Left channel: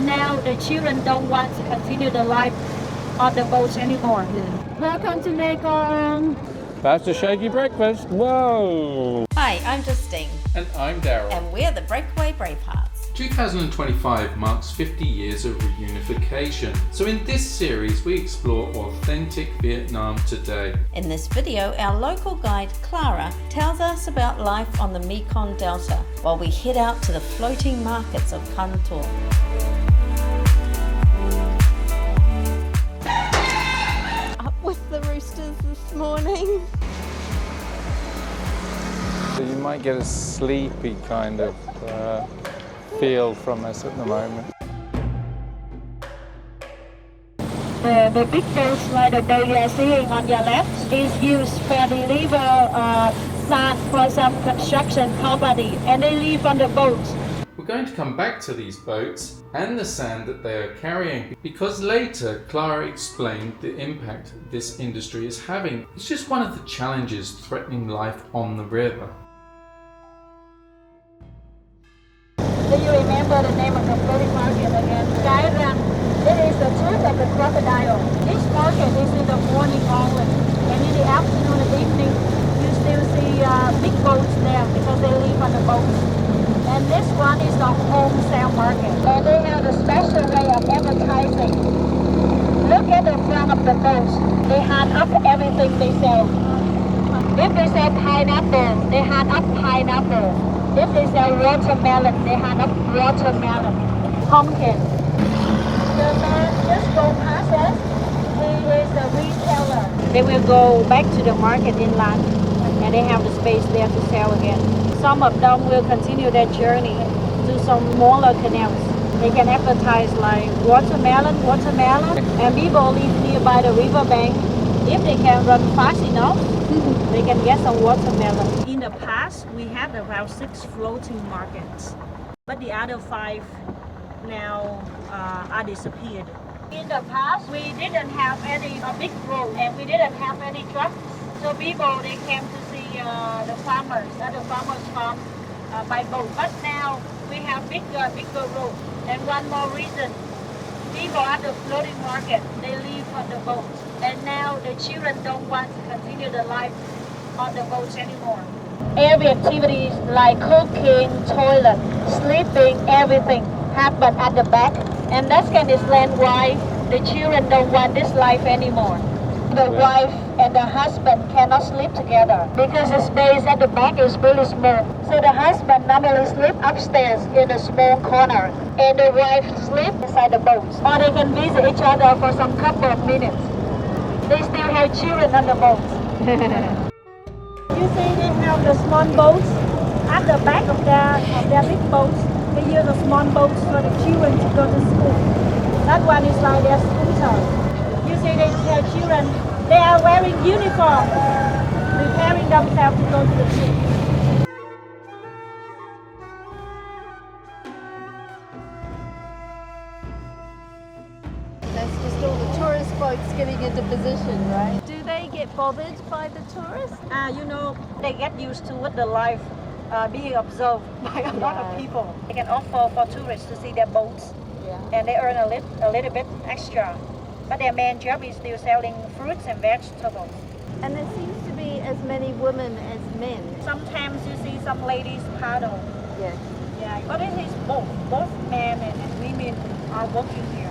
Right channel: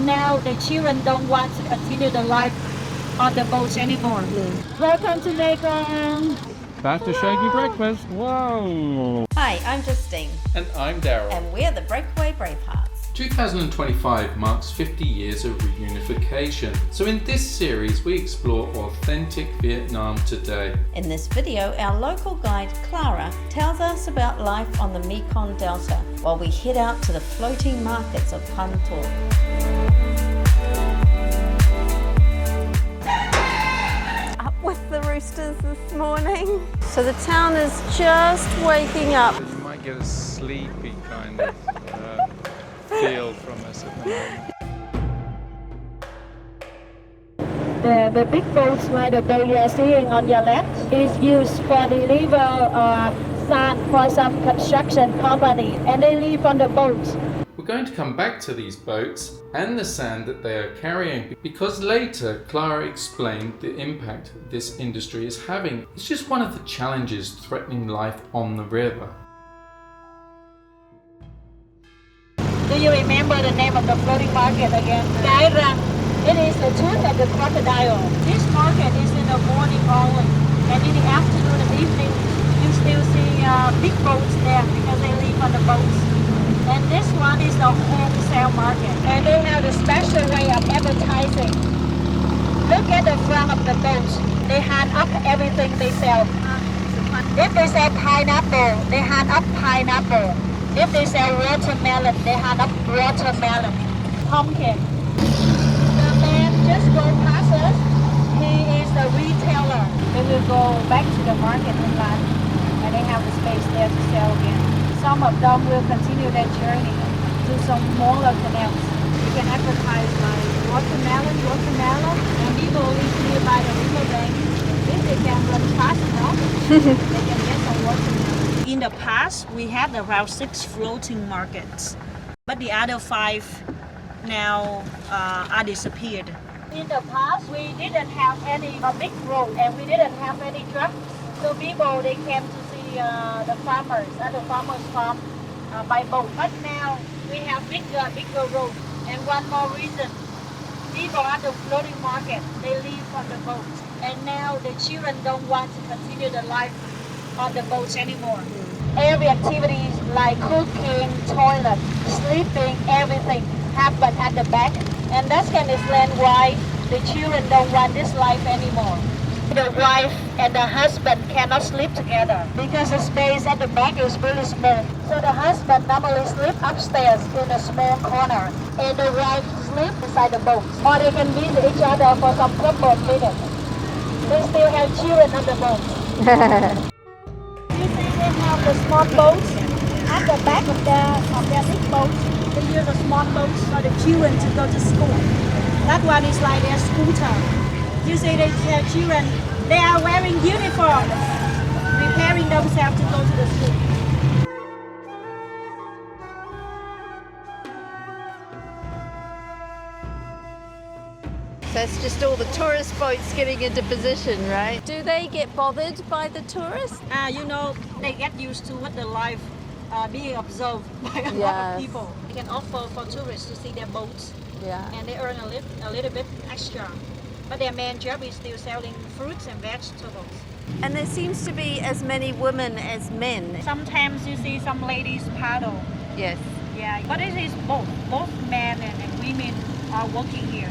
And now the children don't want to continue the life on the boats anymore. Welcome to Mekong. That's a shaky breakfast. Whoa! Hi, I'm Justine. And I'm Darryl. And we're the Breakaway Bravehearts. 2025 marks 50 years of reunification. So in this series, we explore authentic Vietnam today. In this video, our local guide, Clara, tells us about life on the Mekong Delta while we head out to the floating markets of Can Tho. Up with the roosters this morning. So the town is just waking up. So you might get a sleepy kind of feel from us at the moment. The big boats like the you are seeing on your left is used for deliver sand for some construction company, and they live on the boats. We're going to come back to these boats and the sand that they are carrying because later Clara explained the impact this industry is having. It's just one of the challenges threatening life on the river. Do you remember the name of the floating market again? Cai Rang. It is the tooth of the crocodile. This market is in the morning only, and in the afternoon and evening you still see big boats there because they live on the boats. And this one is the wholesale market, and they have a special way of advertising. Look at the front of the boats. They hand up everything they sell. If they sell pineapple, they hand up pineapple. If they sell watermelon, they hand up watermelon. Pumpkin. The man just go past us. He is the retailer. They will go back to the market inland, and they have the space there to sell again. Some of them will continue their journey to some smaller canals. They can advertise like watermelon, and people live nearby the riverbank. If they can run fast enough, they can get some watermelon. In the past, we had around 6 floating markets, but the other 5 now are disappeared. In the past, we didn't have any big road, and we didn't have any trucks. So people, they came to see the farmers at the farmers' farm by boat. But now we have bigger road. And one more reason, people at the floating market, they live on the boats. And now the children don't want to continue the life on the boats anymore. Every activities like cooking, toilet, sleeping, everything happen at the back. And that can explain why the children don't want this life anymore. The wife and the husband cannot sleep together because the space at the back is really small. So the husband normally sleeps upstairs in a small corner, and the wife sleeps inside the boat. Or they can visit each other for some couple of minutes. They still have children on the boat. You see, they have the small boats at the back of their big boats. They use the small boats for the children to go to school. That one is like their scooter. You see, they have children. They are wearing uniforms, preparing themselves to go to the school. So it's just all the tourist boats getting into position, right? Do they get bothered by the tourists? You know, they get used to with the life being observed by a lot of people. They can offer for tourists to see their boats, and they earn a little bit extra. But their main job is still selling fruits and vegetables. And there seems to be as many women as men. Sometimes you see some ladies paddle. Yes. Yeah, but it is both. Both men and women are working here.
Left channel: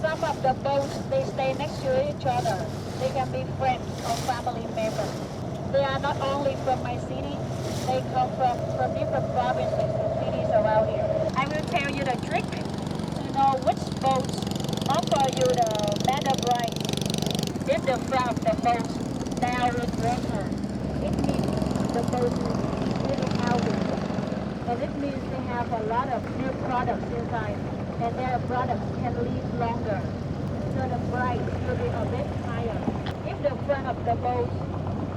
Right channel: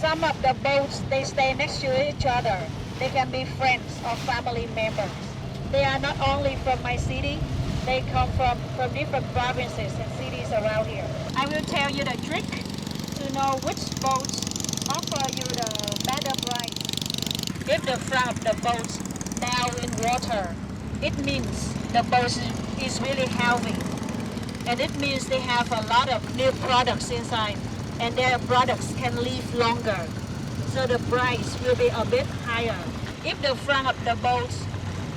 Some of the boats, they stay next to each other. They can be friends or family members. They are not only from my city, they come from different provinces and cities around here. I will tell you the trick to know which boats offer you the better price. If the front of the boat now in water, it means the boat is really healthy. And it means they have a lot of new products inside, and their products can live longer. So the price will be a bit higher. If the front of the boat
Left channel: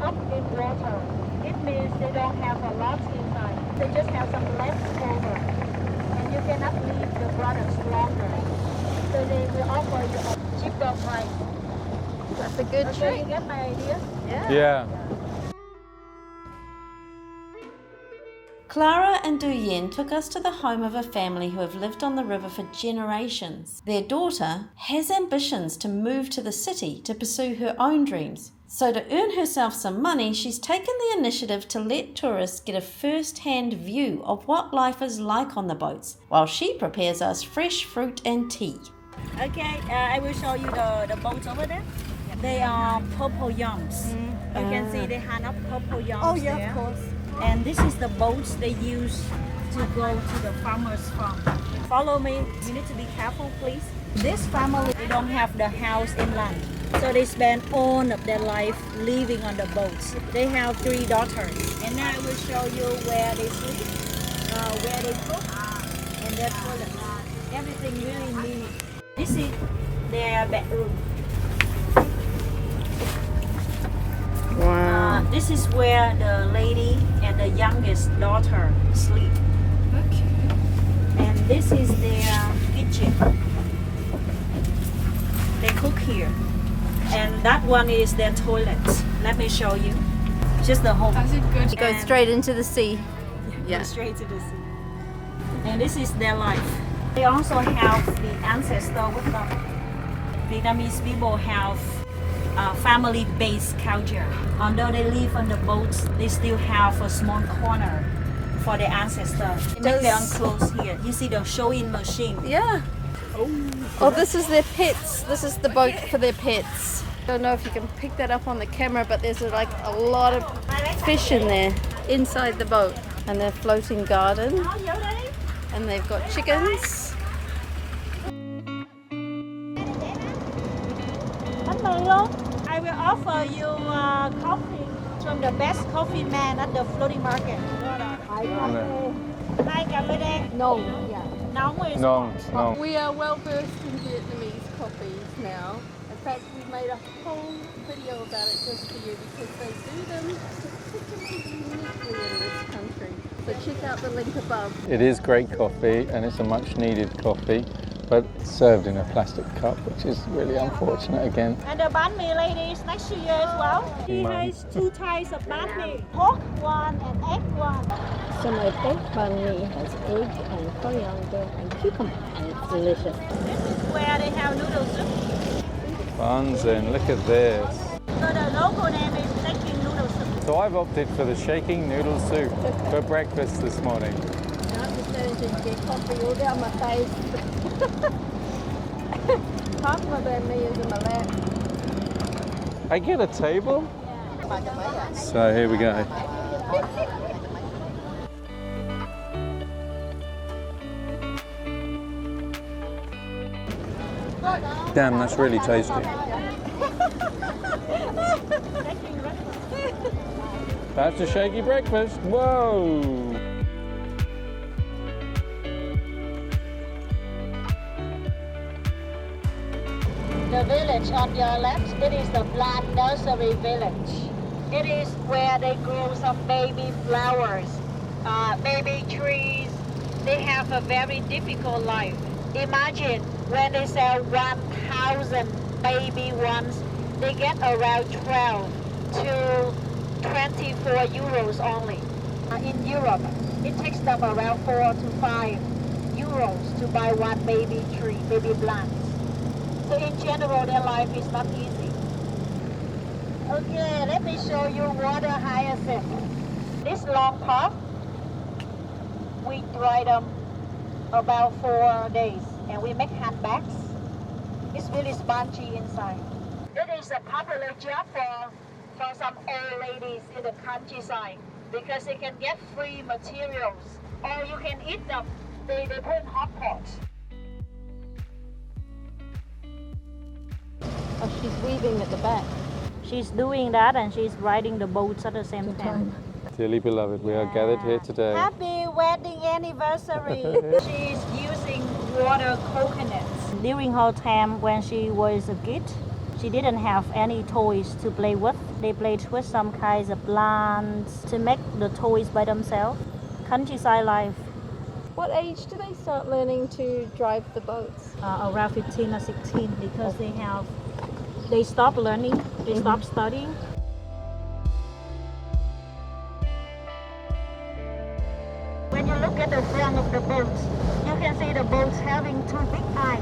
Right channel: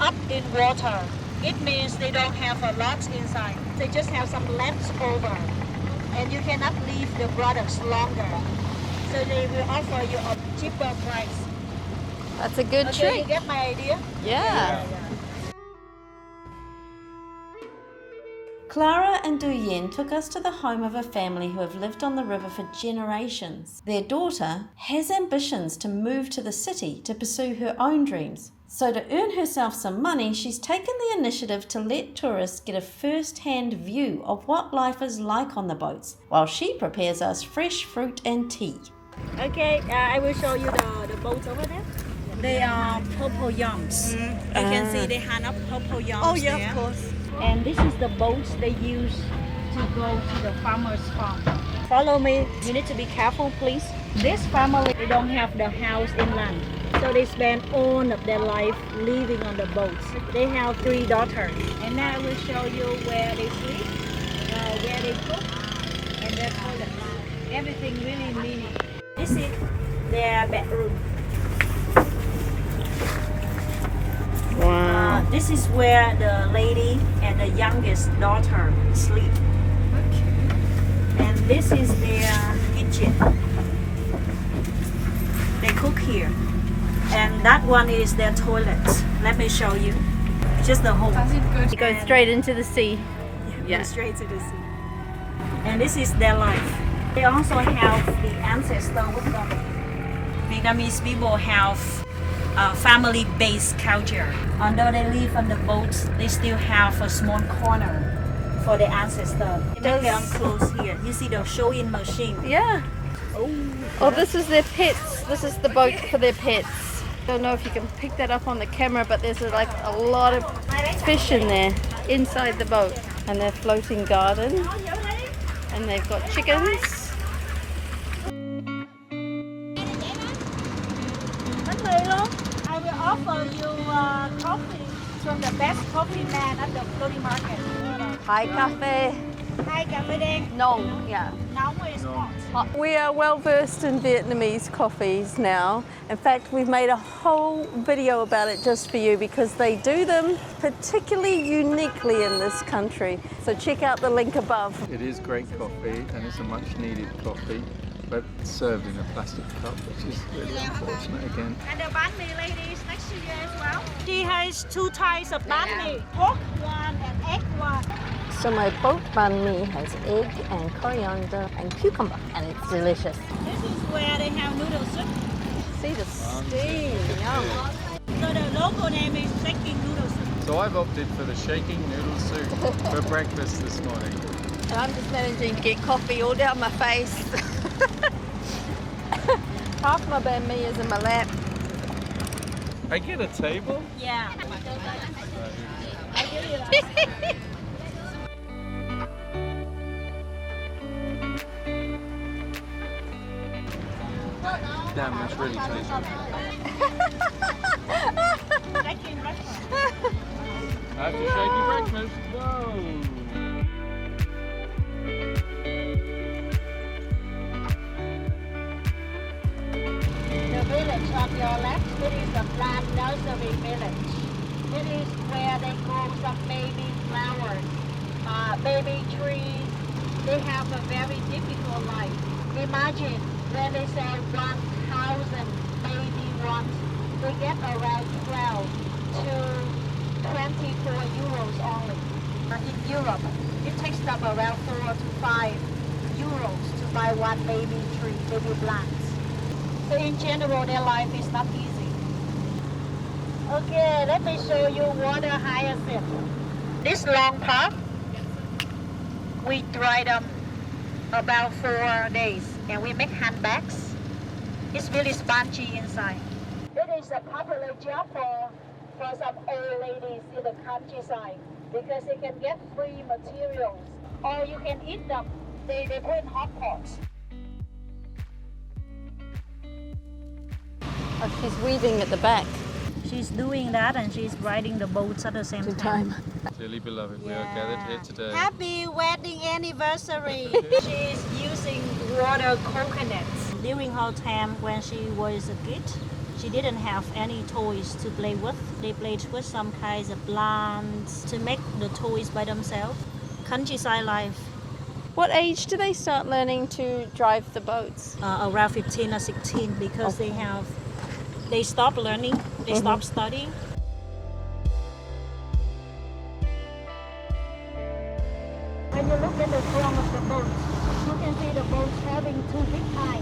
up in water, it means they don't have a lot inside. They just have some leftover, and you cannot leave the products longer. So they will offer you a cheaper price. That's a good trick. You get my idea? Yeah. Clara and Du Yen took us to the home of a family who have lived on the river for generations. Their daughter has ambitions to move to the city to pursue her own dreams. So to earn herself some money, she's taken the initiative to let tourists get a first-hand view of what life is like on the boats, while she prepares us fresh fruit and tea. Okay, I will show you the boats over there. They are purple yams. You can see they hand up purple yams. Oh yeah, there. of course. And this is the boats they use to go to the farmer's farm. Follow me. You need to be careful, please. This family, they don't have the house inland. So they spend all of their life living on the boats. They have 3 daughters. And now I will show you where they sleep, where they cook, and their toilet. Everything really mini. This is their bedroom. Wow. This is where the lady and the youngest daughter sleep. Okay. And this is their kitchen. They cook here. And that one is their toilet. Let me show you. Just the hole. It goes straight into the sea. Yeah. Straight to the sea. And this is their life. They also have the ancestor with them. Vietnamese people have family-based culture. Although they live on the boats, they still have a small corner for their ancestors. They make their own clothes here. You see the sewing machine. Yeah. Oh, this is their pets. This is the boat for their pets. I don't know if you can pick that up on the camera, but there's like a lot of fish in there inside the boat. And their floating garden. And they've got chickens. I will offer you coffee from the best coffee man at the floating market. Hi, cafe. Hi, cà phê đen. No, yeah. Nóng is No. We are well versed in Vietnamese coffees now. In fact, we've made a whole video about it just for you because they do them particularly uniquely in this country. So check out the link above. It is great coffee and it's a much needed coffee, but served in a plastic cup, which is really unfortunate again. And the banh mi lady is next to you as well. She has 2 types of banh mi, pork one and egg one. So my pork banh mi has egg and coriander and cucumber, and it's delicious. This is where they have noodle soup. See the Buns in, look at this. So the local name is shaking noodle soup. So I've opted for the shaking noodle soup for breakfast this morning. I'm just managing to get coffee all down my face. Half my bad me is in my lap. I get a table? Yeah. So here we go. Damn, that's really tasty. That's a shaky breakfast. Whoa! The village on your left, it is the plant nursery village. It is where they grow some baby flowers, baby trees. They have a very difficult life. Imagine when they sell 1,000 baby ones, they get around 12 to 24 euros only. In Europe, it takes them around 4 to 5 euros to buy one baby tree, baby plants. So in general, their life is not easy. Okay, let me show you water hyacinth. This long part, we dry them about 4 days and we make handbags. It's really spongy inside. It is a popular job for some old ladies in the countryside because they can get free materials or you can eat them. They put in hot pots. Oh, she's weaving at the back. She's doing that and she's riding the boats at the same time. Dearly beloved, we are gathered here today. Happy wedding anniversary! She's using water coconuts. During her time when she was a kid, she didn't have any toys to play with. They played with some kinds of plants to make the toys by themselves. Countryside life. What age do they start learning to drive the boats? Around 15 or 16 because they stop learning, they stop studying. the front of the boat. You can see the boats having two big eyes.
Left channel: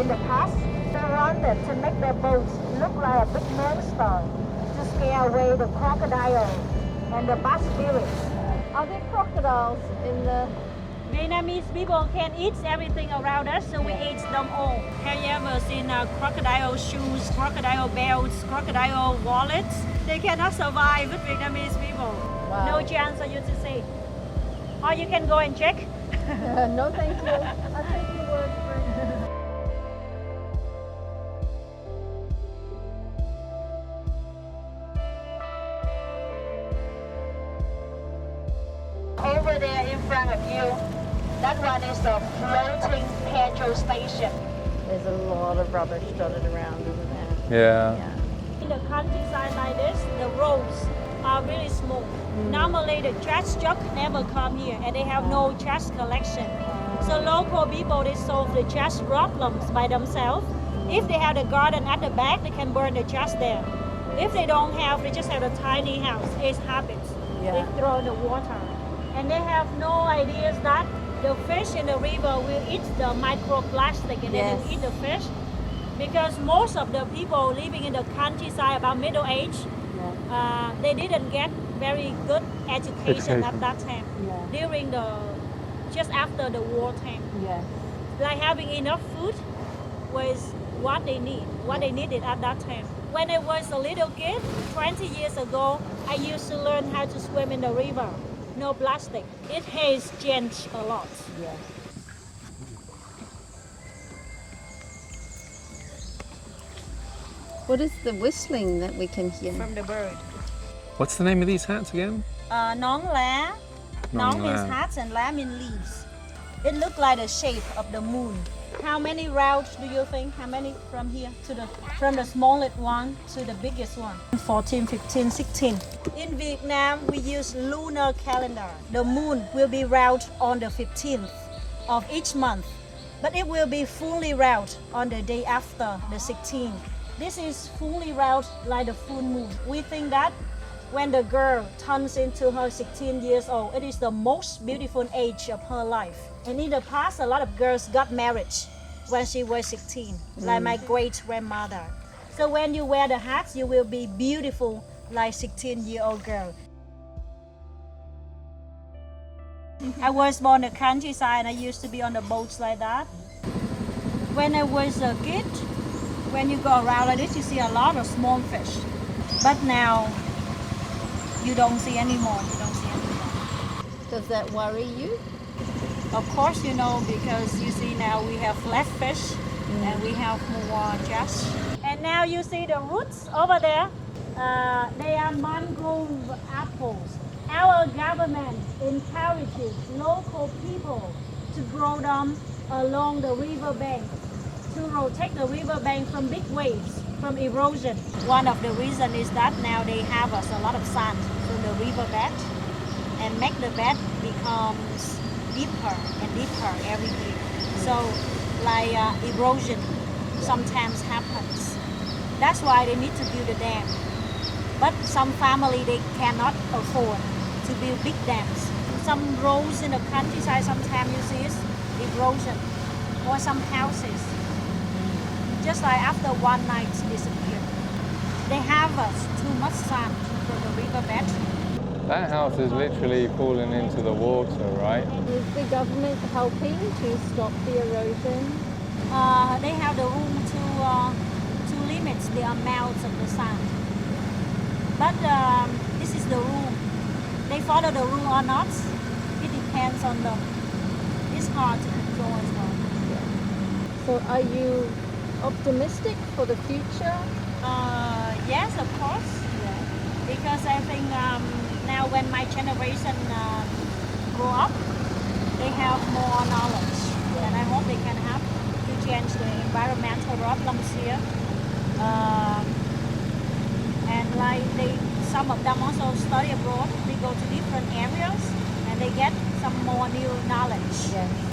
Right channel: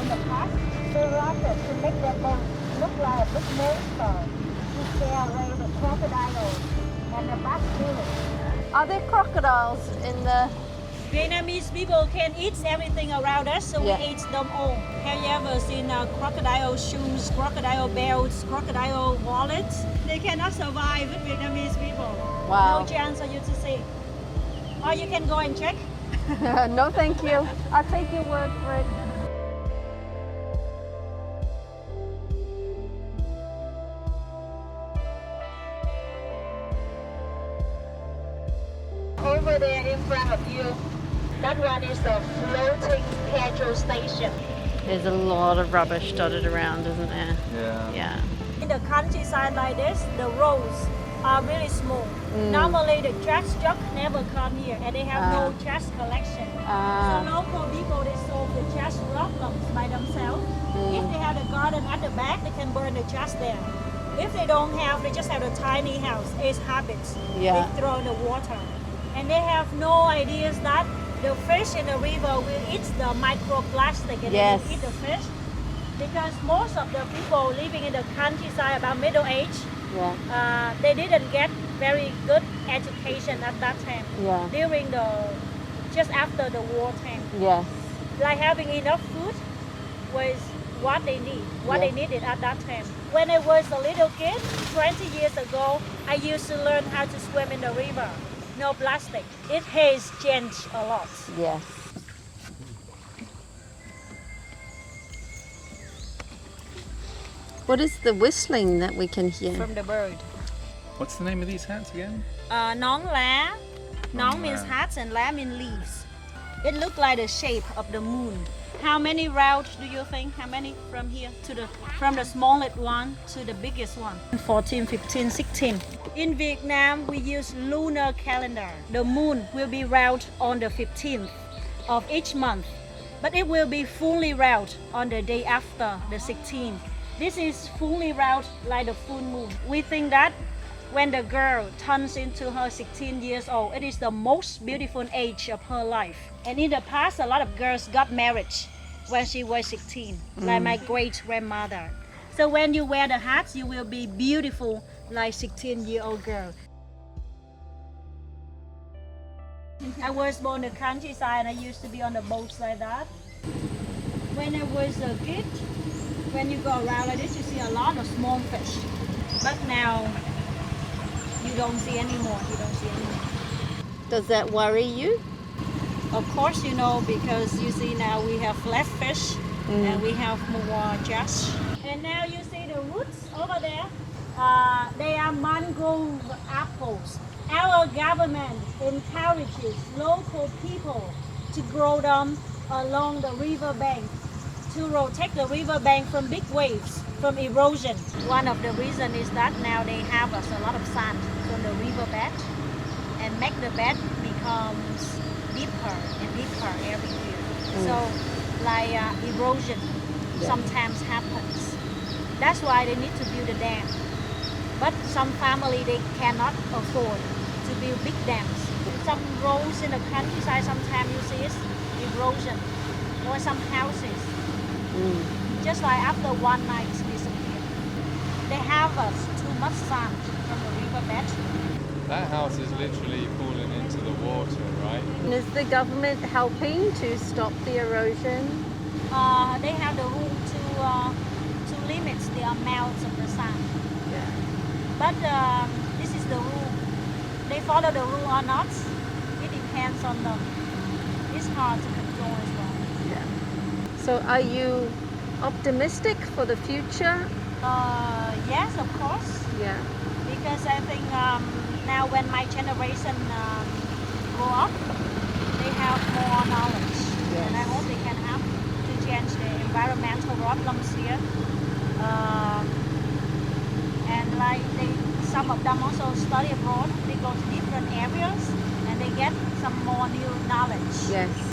In the past, they wanted to make the boats look like a big monster to scare away the crocodile and the bad spirit. Are there crocodiles in the... Vietnamese people can eat everything around us, so we eat them all. Have you ever seen crocodile shoes, crocodile belts, crocodile wallets? They cannot survive with Vietnamese people. Wow. No chance for you to see. Or you can go and check. No, thank you. I'll take your word for it. Over there in front of you, that one is the floating petrol station. There's a lot of rubbish dotted around, isn't there? Yeah. In the countryside like this, the roads are really small. Normally the trash truck never come here and they have no trash collection. So local people, they solve the trash problems by themselves. If they have a garden at the back, they can burn the trash there. If they don't have, they just have a tiny house, 8 habits. Yeah. They throw in the water. And they have no ideas that the fish in the river will eat the microplastic and they will eat the fish. Because most of the people living in the countryside about middle age, they didn't get very good education at that time. During just after the war time. Like having enough food was what they need, what they needed at that time. When I was a little kid, 20 years ago, I used to learn how to swim in the river. No plastic. It has changed a lot. Yes. What is the whistling that we can hear? From the bird. What's the name of these hats again? Nón lá. Nón means lá. hats and lá means leaves. It looks like the shape of the moon. How many routes do you think? How many from here to from the smallest one to the biggest one? 14, 15, 16. In Vietnam, we use lunar calendar. The moon will be round on the 15th of each month, but it will be fully round on the day after the 16th. This is fully round like the full moon. We think that when the girl turns into her 16 years old, it is the most beautiful age of her life. And in the past, a lot of girls got married when she was 16, like my great-grandmother. So when you wear the hats, you will be beautiful like 16-year-old girl. I was born in the countryside and I used to be on the boats like that. When I was a kid, when you go around like this, you see a lot of small fish. But now, you don't see anymore. Does that worry you? Of course, you know, because you see now we have less fish and we have more trash. And now you see the roots over there. They are mangrove apples. Our government encourages local people to grow them along the river bank to protect the river bank from big waves, from erosion. One of the reasons is that now they harvest a lot of sand from the river bed and make the bed becomes deeper and deeper every year. So like erosion sometimes happens. That's why they need to build a dam. But some family, they cannot afford to build big dams. Some roads in the countryside, sometimes you see it's erosion, or some houses. Just like after one night disappear. They harvest too much sand from the riverbed. That house is literally falling into the water, right? Is the government helping to stop the erosion? They have the rule to limit the amount of the sand. But this is the rule. They follow the rule or not, it depends on them. It's hard to control as well. So are you optimistic for the future? Yes, of course. Yeah. Because I think now when my generation grow up, they have more knowledge. And I hope they can help to change the environmental problems here. And like some of them also study abroad. They go to different areas and they get some more new knowledge. Yes.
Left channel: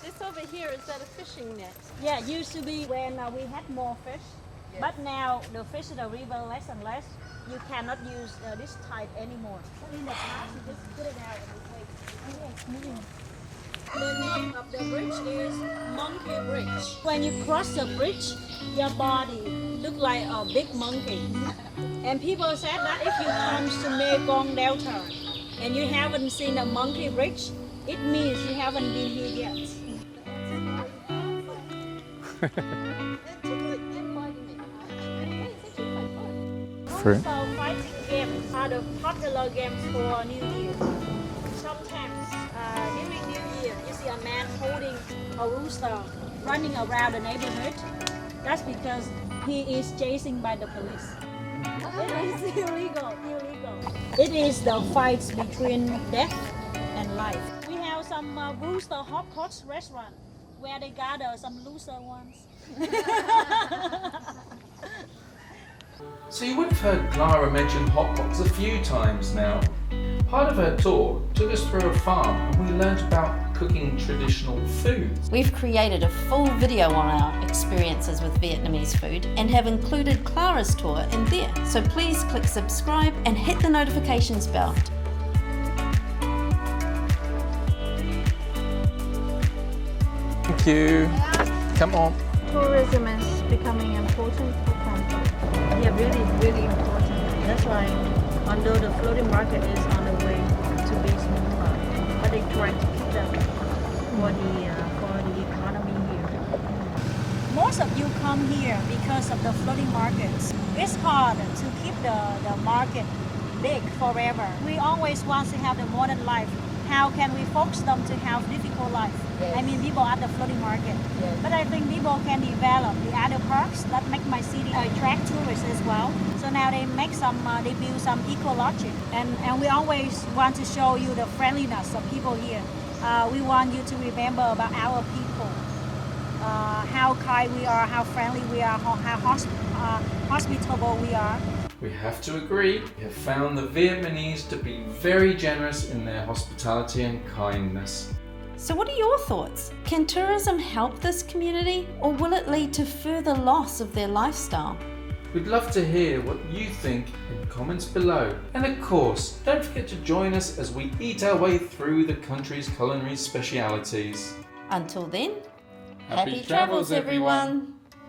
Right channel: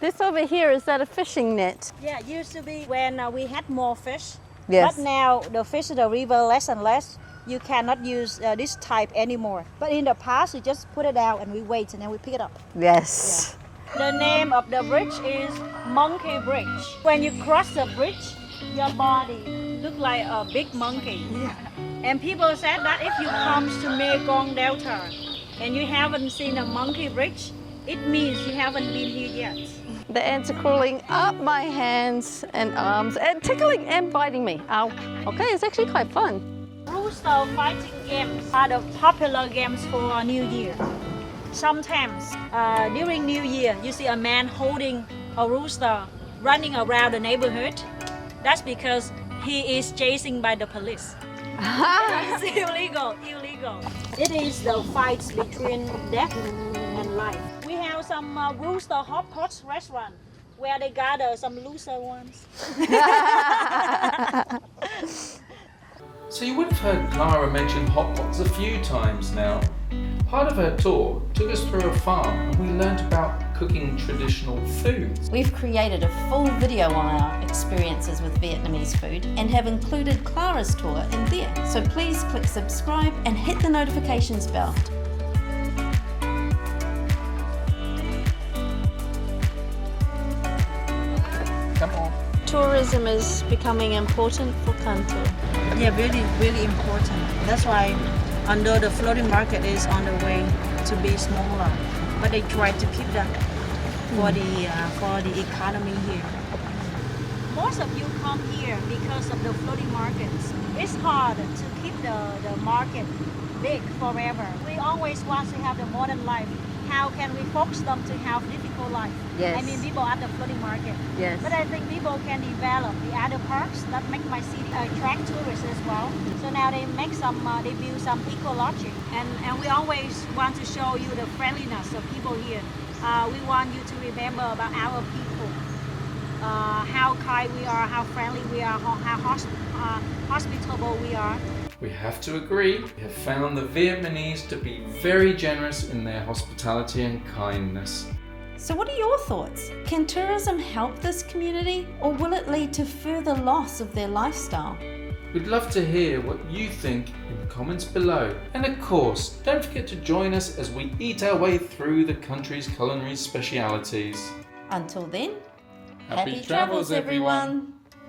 This over here, is that a fishing net? Yeah, it used to be when we had more fish. Yes. But now the fish in the river less and less. you cannot use this type anymore. But in the past, you just put it out and we wait and then we pick it up. Yes. The name of the bridge is Monkey Bridge. When you cross the bridge, your body look like a big monkey. And people said that if you come to Mekong Delta and you haven't seen a monkey bridge, it means you haven't been here yet. The ants are crawling up my hands and arms and tickling and biting me. Ow. Okay, it's actually quite fun. Rooster fighting games are the popular games for New Year. Sometimes during New Year, you see a man holding a rooster running around the neighborhood. That's because he is chasing by the police. It's illegal. It is the fights between death and life. We have some rooster hot pot restaurant where they gather some loser ones. So you would have heard Clara mention hot pots a few times now. Part of her tour took us through a farm and we learnt about cooking traditional foods. We've created a full video on our experiences with Vietnamese food and have included Clara's tour in there. So please click subscribe and hit the notifications bell. Thank you. Come on. Tourism is becoming important for Can Tho. Yeah, really important. That's why although the floating market is on the way to be smaller, but they try to keep that for the economy here. Most of you come here because of the floating markets. It's hard to keep the market big forever. We always want to have the modern life. How can we force them to have difficult life? Yes. I mean, people at the floating market. Yes. But I think people can develop the other parks that make my city attract tourists as well. So now they make they build some ecology, and we always want to show you the friendliness of people here. We want you to remember about our people, how kind we are, how friendly we are, how hospitable we are. We have to agree, we have found the Vietnamese to be very generous in their hospitality and kindness. So what are your thoughts? Can tourism help this community or will it lead to further loss of their lifestyle? We'd love to hear what you think in the comments below. And of course, don't forget to join us as we eat our way through the country's culinary specialities. Until then, Happy travels, everyone.